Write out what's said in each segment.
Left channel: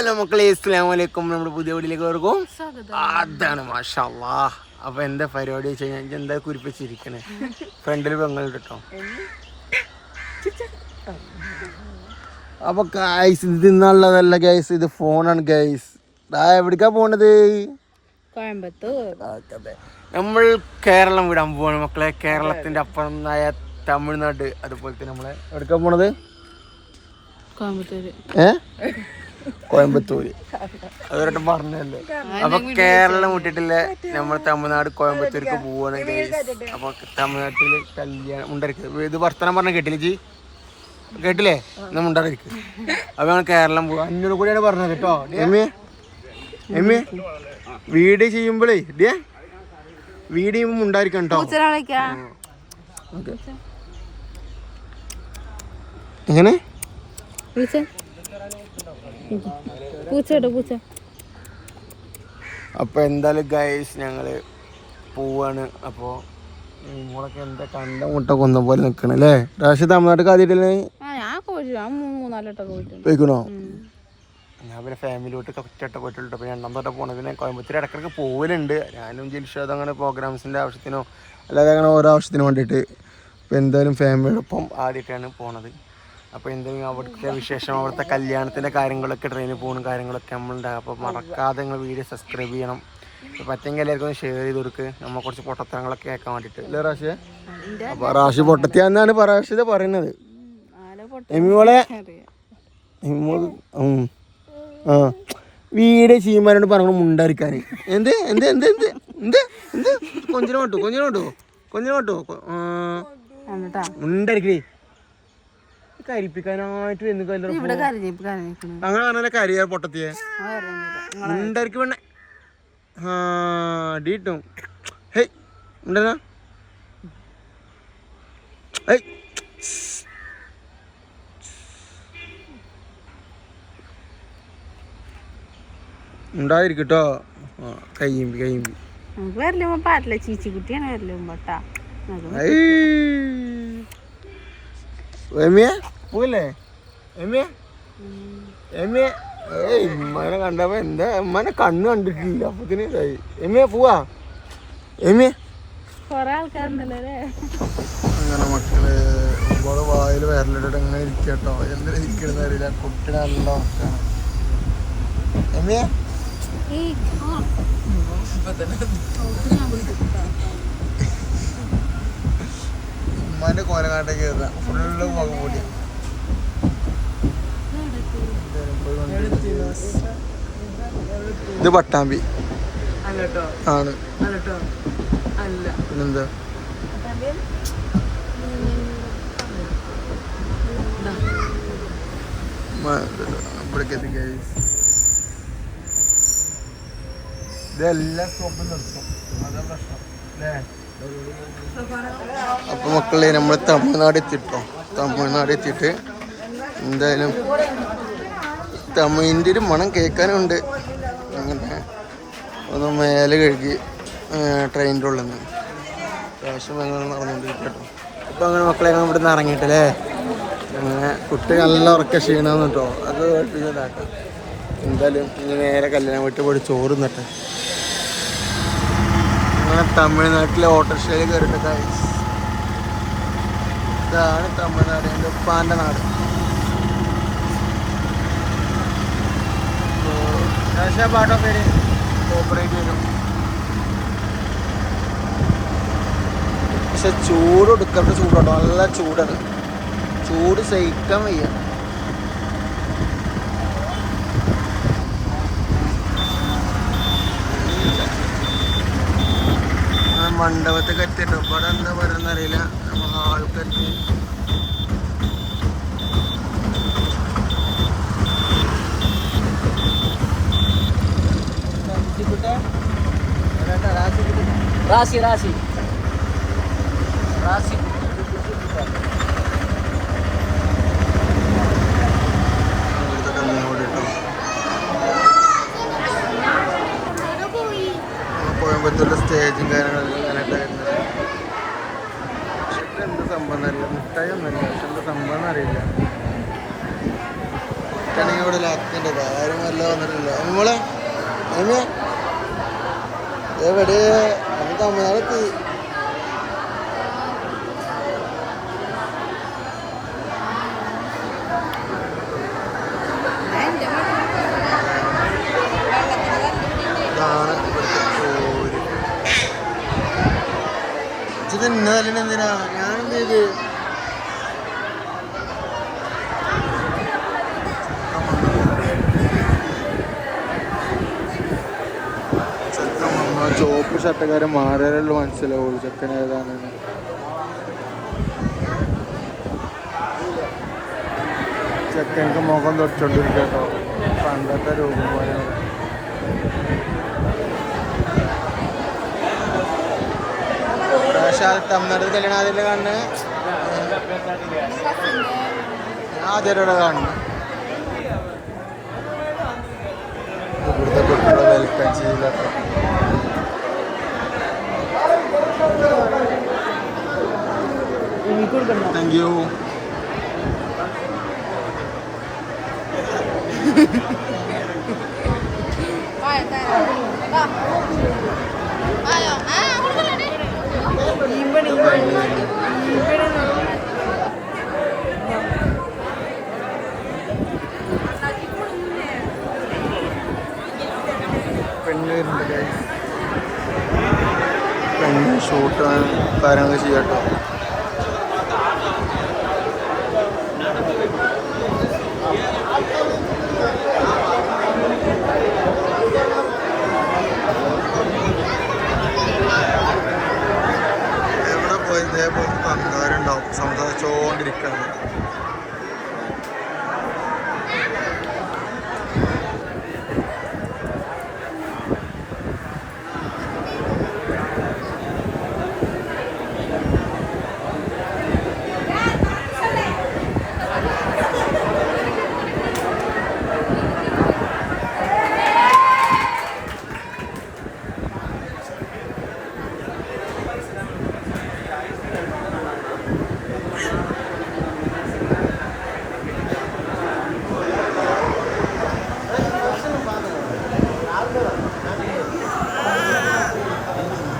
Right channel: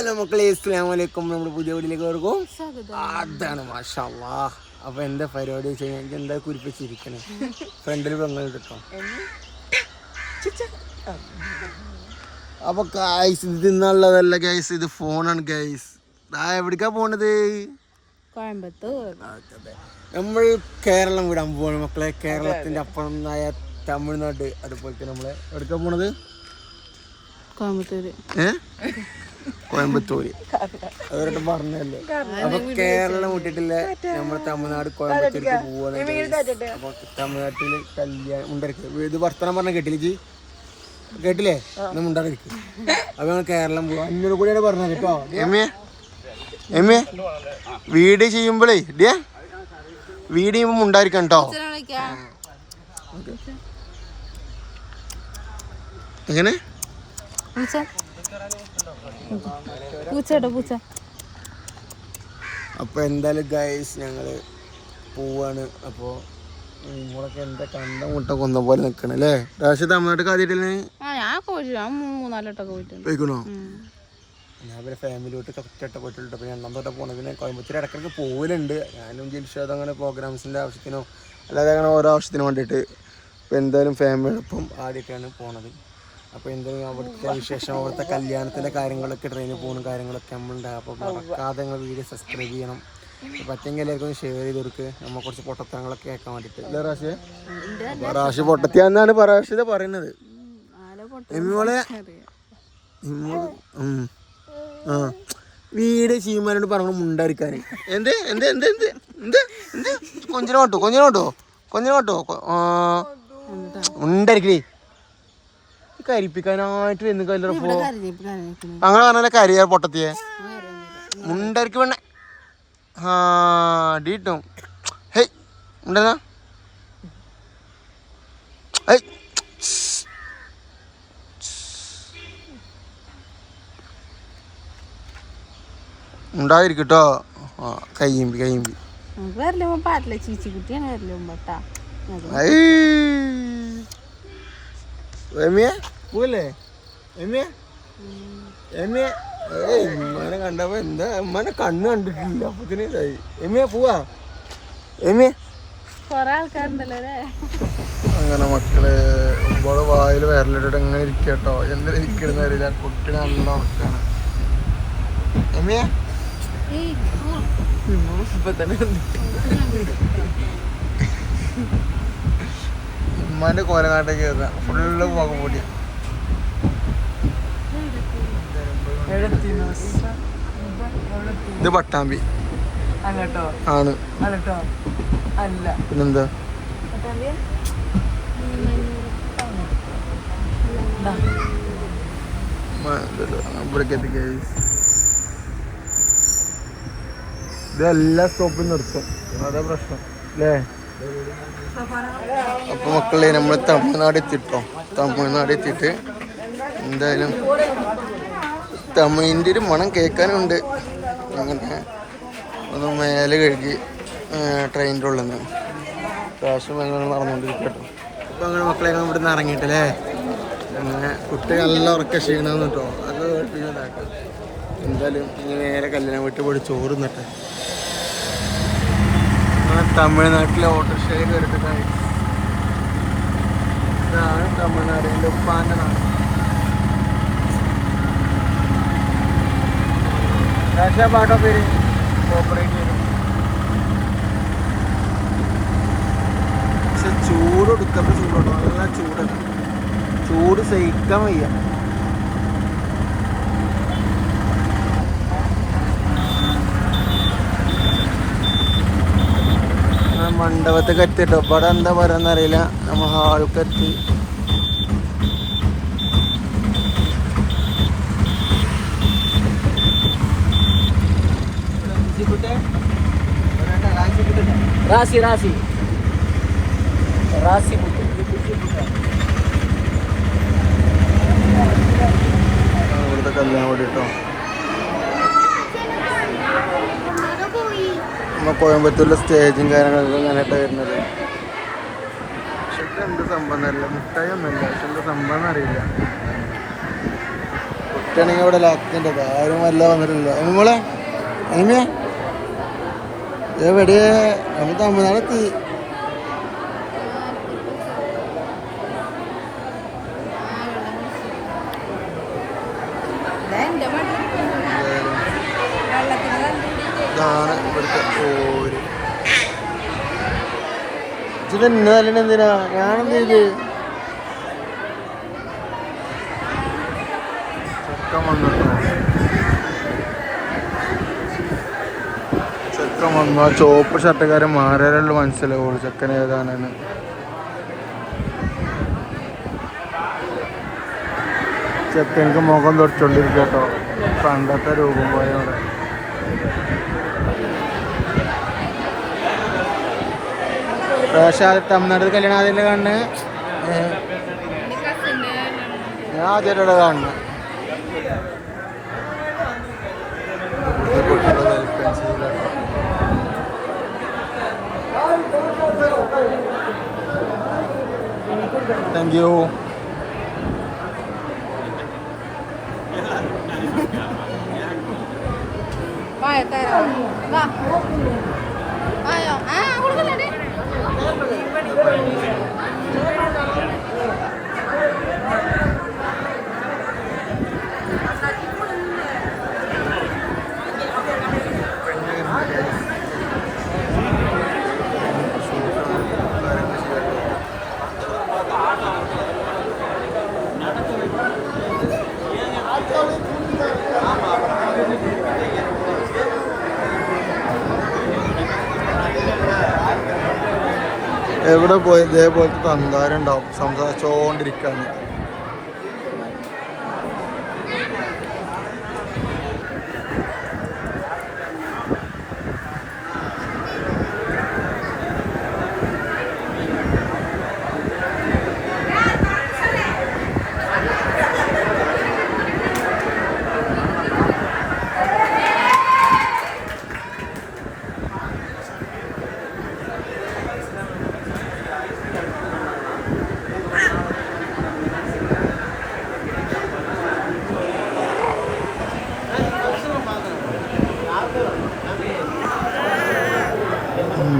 Hello മക്കളെ, അസ്സലാമു അലൈക്കും. നമ്മുടെ പുതിയ വീട്ടിലേക്ക് വർക്കും അതാണ് മാഷാ അല്ലാഹ്. അപ്പൊ എന്താ പരിപാടി വെച്ച് കഴിഞ്ഞാൽ എന്താ കുരിപ്പിച്ചിരിക്കണേ ഫ്രണ്ടിൽ പെങ്ങളുണ്ട് കേട്ടോ. അപ്പൊ ഗൈസ് ഇത് ഇന്നുള്ളതല്ല ഗൈസ്, ഇത് ഫോണാണ് ഗൈസ്. എവിടേക്കാ പോണത്? കോയമ്പത്തൂർ. നമ്മൾ കേരളം വിടാൻ പോവാണ് മക്കളെ. കേരളത്തിന്റെ അപ്പുറമായ തമിഴ്നാട്, അതുപോലെ തന്നെ നമ്മളെ എവിടേക്കാ പോണത്? കോയമ്പത്തൂര്. അതൊരു പറഞ്ഞല്ലേ. അപ്പൊ കേരളം വിട്ടിട്ടില്ല, നമ്മൾ തമിഴ്നാട് കോയമ്പത്തൂർക്ക് പോവാണ് ഗൈസ്. അപ്പൊ തമിഴ്നാട്ടില് കല്യാണം ഉണ്ടായിരിക്കും. ഇത് വർത്തമാനം പറഞ്ഞ കേട്ടില്ലേ ജി? കേട്ടില്ലേ? എന്നാ മുണ്ടായിരിക്കും. അപ്പൊ ഞങ്ങൾ കേരളം പോവാ. അന്നോട് കൂടിയാണ് പറഞ്ഞത് കേട്ടോ. എമ്മേ വീഡിയോ ചെയ്യുമ്പോഴേ വീഡിയോ ചെയ്യുമ്പോ മുണ്ടായിരിക്കാം കേട്ടോ. ഇങ്ങനെ അപ്പൊ എന്തായാലും ഗൈസ് ഞങ്ങള് പോവാണ്. അപ്പൊ നിങ്ങളൊക്കെ എന്താ കണ്ട മുട്ട കൊന്ന പോലെ നിക്കണ അല്ലേ? രാശി തമിഴ്നാട്ടിൽ ആദ്യമായിട്ടല്ലേ പോയിക്കണോ? ഞാൻ പിന്നെ ഫാമിലിയോട്ട് ഒറ്റ പോയിട്ടുള്ളൂ. പിന്നെ രണ്ടാമത്തോട്ട് പോണത്. പിന്നെ കോയമ്പത്തൂർ ഇടയ്ക്കിടയ്ക്ക് പോകലുണ്ട്. ഞാനും ജിൽഷാദ് അങ്ങനെ പ്രോഗ്രാംസിൻ്റെ ആവശ്യത്തിനോ അല്ലാതെ അങ്ങനെ ഓരോ ആവശ്യത്തിനോ വേണ്ടിയിട്ട്. അപ്പോൾ എന്തായാലും ഫാമിലിയോടൊപ്പം ആദ്യമായിട്ടാണ് പോണത്. അപ്പോൾ എന്തെങ്കിലും അവിടുത്തെ വിശേഷം, അവിടുത്തെ കല്യാണത്തിൻ്റെ കാര്യങ്ങളൊക്കെ, ട്രെയിനിൽ പോകുന്ന കാര്യങ്ങളൊക്കെ നമ്മളുണ്ടാകും. അപ്പോൾ മറക്കാതെ നിങ്ങൾ വീഡിയോ സബ്സ്ക്രൈബ് ചെയ്യണം. പറ്റെങ്കിൽ എല്ലാവർക്കും ഒന്ന് ഷെയർ ചെയ്ത് കൊടുക്കുക, നമ്മൾ കുറച്ച് പൊട്ടത്തങ്ങളൊക്കെ കേൾക്കാൻ വേണ്ടിയിട്ട് അല്ലേ റാഷിയെ? അപ്പോൾ റാഷി പൊട്ടത്തിയാന്നാണ് റാഷിത് പറയുന്നത്. എമ്മിമോളെ ആ വീഡിയോ ചെയ്യുമ്പോഴോട് പറഞ്ഞു മുണ്ടായിരിക്കാൻ. എന്ത് എന്ത് എന്ത് എന്ത് എന്ത് എന്ത് കൊഞ്ചിനോട്ടോ മുണ്ടായിരിക്കേ. കരിപ്പിക്കാനായിട്ട് അങ്ങനെ പറഞ്ഞാലേ കരിയാ പൊട്ടത്തിയെ മുണ്ടായിരിക്കും വേണേ. ആ ഡീട്ടും ഹേയ് ഉണ്ടെന്നാ ഹേയ് ഉണ്ടായിരിക്കട്ടോ. കയ്യമ്പി പോവല്ലേ ഉമ്മനെ കണ്ടപ്പോ എന്താ ഉമ്മനെ കണ്ണ് കണ്ടിട്ടില്ല. അപ്പത്തിന് ഇതായി. എമ്മിയ പോവാ അങ്ങനെ മക്കള് ഒമ്പത് വായിൽ വരലിട്ട് എങ്ങനെ ഇരിക്കട്ടോ. എന്തിനാ ഇരിക്കുന്ന അറിയില്ല. കുട്ടി നല്ല ഉറക്കാണ്. എമ്മിയ ഉമ്മാന്റെ കോലങ്ങാട്ടേക്ക് കയറുക. ഫുള്ള് മുഖം പൊടിയ. ഇത് പട്ടാമ്പി ആണ്. പിന്നെന്താ ഇവിടേക്ക് എത്തിക്കേ. ഇതെല്ലാ സ്റ്റോപ്പിൽ നിർത്തും, അതാ പ്രശ്നം അല്ലേ? അപ്പൊ മക്കളെ നമ്മൾ തമിഴ്നാട് എത്തിട്ടോ. തമിഴ്നാട് എത്തിയിട്ട് എന്തായാലും തമിഴിൻ്റെ ഒരു മണം കേൾക്കാനുണ്ട്. അങ്ങനെ ഒന്ന് മേലെ കഴുകി ട്രെയിനിൻ്റെ ഉള്ളിൽ നിന്ന് പ്രാവശ്യം അങ്ങനെ നടന്നുകൊണ്ടിരിക്കട്ടോ. ഇപ്പം അങ്ങനെ മക്കളെ ഇവിടെ നിന്ന് ഇറങ്ങിയിട്ടല്ലേ. അങ്ങനെ കുട്ടി നല്ല ഉറക്ക ക്ഷീണമെന്ന് കേട്ടോ. അത് കേൾപ്പിച്ചതാക്കാം. എന്തായാലും ഇനി നേരെ കല്യാണം വീട്ടിൽ പോയി ചോറ് നട്ടെ. അങ്ങനെ തമിഴ്നാട്ടിലെ ഓട്ടോറിക്ഷയിൽ കയറിയിട്ട് കഴിച്ചു. ഇതാണ് തമിഴ്നാട്, എൻ്റെ ഉപ്പാൻ്റെ നാട്. രാഷ്ട്രീയ പാട്ടോ പേര് കോപ്പറേറ്റ് വരും. പക്ഷെ ചൂട് എടുക്കേണ്ട ചൂടോട്ടോ. നല്ല ചൂടാണ്. ചൂട് സഹിക്കാൻ വയ്യ. മണ്ഡപത്തൊക്കെ എത്തിട്ടോ. ഇവിടെ എന്താ പറയാന്നറിയില്ല. നമ്മൾ ഹാൾക്ക് എത്തി. ഇവിടുത്തെ കല്യാണം കൂടിട്ടോ. നമ്മൾ കോയമ്പത്തൂരിലെ സ്റ്റേജും കാര്യങ്ങളൊക്കെ ഇങ്ങനെയായിട്ട് വരുന്നത്. പക്ഷെ എന്ത് സംഭവം എന്നറിയില്ല. മുട്ടായി ഒന്നുമില്ല. പക്ഷെ എന്താ സംഭവം എന്നറിയില്ല. ചിക്കണെങ്കിൽ ഇവിടെ ലാക്കിൻ്റെ ആരും വല്ല വന്നിട്ടില്ല നമ്മളെ അതിനെ എവിടെയാ തമിഴ്നാടെത്തി ഇതാണ് ഇവിടുത്തെ ഓര് ഇത് ഇന്നലെ എന്തിനാ ഞാനെന്ത് ചെയ്തു ചെക്കൻ വന്നു ആ ചോപ്പ് ഷർട്ടുകാരൻ മാറിയാലുള്ള മനസ്സിലാവുള്ളൂ ചെക്കൻ ഏതാണെന്ന് ചെക്കനക്ക് മുഖം തൊടിച്ചോണ്ടിരിക്കും കേട്ടോ പണ്ടത്തെ രൂപം പോലെ അവിടെ ഞാൻ ആദ്യമായിട്ടാണ് കാണുന്നത് ഇവിടുത്തെ കുട്ടികളെ വെൽക്കം ചെയ്യില്ല താങ്ക് യു ഷൂട്ട് കാര്യങ്ങൾ ചെയ്യാട്ടോ എവിടെ പോയി ഇതേപോലത്തെ തന്താരുണ്ടാവും സംസാരിച്ചോണ്ടിരിക്കാണ്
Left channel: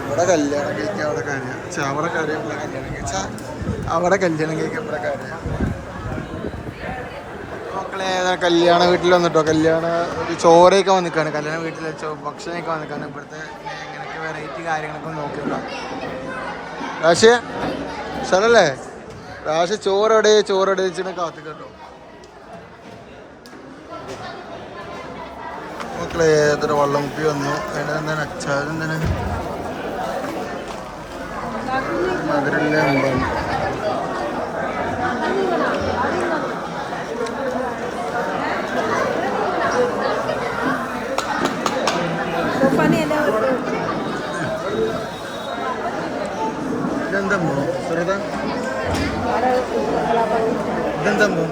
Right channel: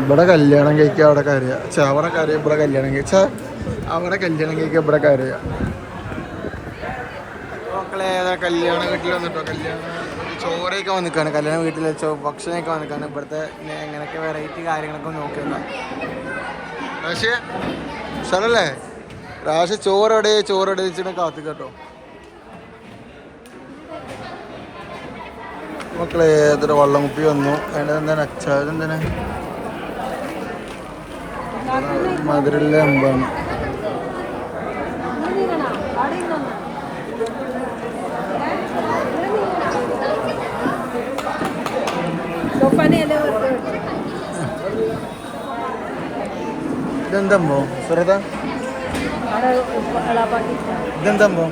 ഇവിടെ കല്യാണം കഴിക്കുക അവിടെ കരയുക അവിടെ കരയും ഇവിടെ കല്യാണം കഴിച്ചാൽ അവിടെ കല്യാണം കഴിക്കുക ഇവിടെ കരയുക മക്കളെ കല്യാണ വീട്ടിൽ വന്നിട്ടോ കല്യാണ ചോറൊക്കെ വന്നിക്കാണ് കല്യാണ വീട്ടിൽ ഭക്ഷണമൊക്കെ വന്നിക്കാണ് ഇവിടുത്തെ ഇങ്ങനെയൊക്കെ വെറൈറ്റി കാര്യങ്ങളൊക്കെ നോക്കിയിട്ടുണ്ടോ രാശി സ്ഥലല്ലേ രാശി ചോറെവിടെ വെച്ചിട്ട് കാത്തു കേട്ടോ മക്കളെ ഏതൊരു വള്ളം കുപ്പി വന്നു അതിൻ്റെ എന്താണ് അച്ചാരം എന്താണ് മധുരല്ല അമ്പാണ് ഇതെന്തമ്പോ സുഹൃത ഇതെന്തമ്പോ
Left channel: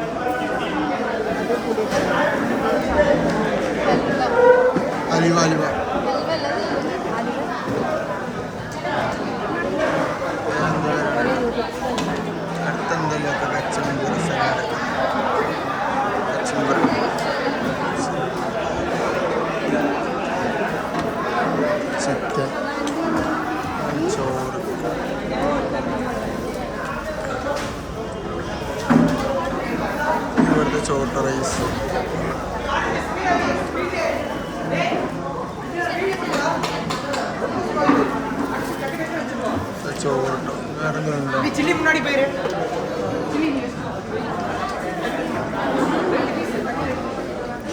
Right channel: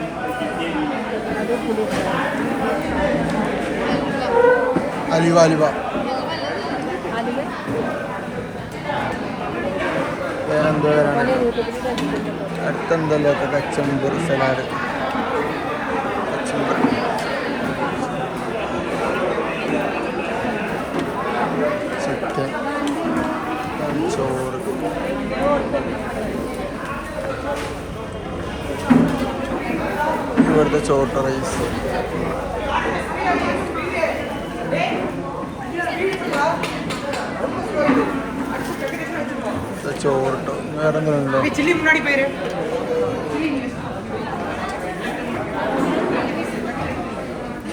അലിവ അടുത്തെന്തല്ലാത്ത കച്ചമ്പർ സലാഡ് കച്ചമ്പർ ചിക്കൻ ചോറ് ഇവിടുത്തെ ചോട്ട റൈസ് ചോറിട്ടോ വേറെ എന്തെങ്കിലും ഉണ്ടോ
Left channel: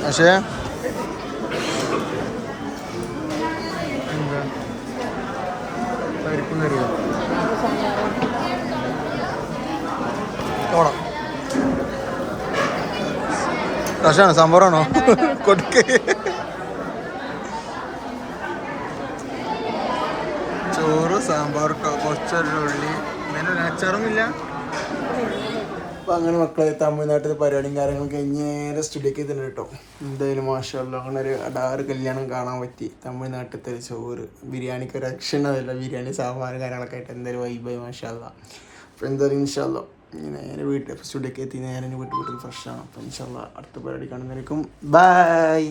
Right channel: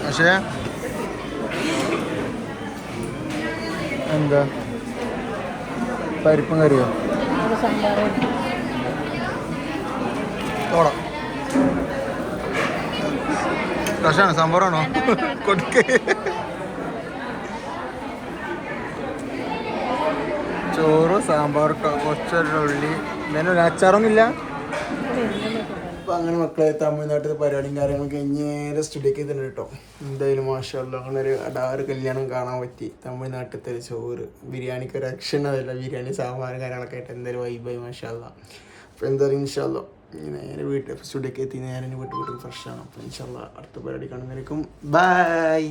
പക്ഷേ എന്താ പരിപ്പും കറിയോ ഓടാം രസമാണോ സംഭവമാണോ കൊടുക്ക് ചോറ് സാമ്പാർ കുറച്ചുള്ളി എന്തായാലും അച്ചാറൊന്നുമില്ല അപ്പം അങ്ങനെ മക്കളെ തമിഴ്നാട്ടിലെ പരിപാടിയും കാര്യങ്ങളൊക്കെ നേരെ സ്റ്റുഡിയോക്ക് തന്നെ കേട്ടോ എന്തായാലും മാഷല്ല അങ്ങനെ ഒരു അടാറ് കല്യാണം കാണാൻ പറ്റി തമിഴ്നാട്ടിലത്തെ ചോറ് ബിരിയാണിക്ക് ഒരു രക്ഷ അതല്ല ബിരിയാണി സാമ്പാർ കാര്യങ്ങളൊക്കെ ആയിട്ട് എന്തായാലും വൈബായി മാഷല്ല അപ്പോൾ എന്തായാലും ഇൻഷാല്ലോ ഇനി നേരെ വീട്ടിൽ സ്റ്റുഡിയോക്ക് എത്തി നേരെ വീട്ടിൽ ഫ്രഷ് ആണ്. അപ്പോൾ ഇൻഷാല്ലാ അടുത്ത പരിപാടി കാണുന്നതായിരിക്കും. ബൈ.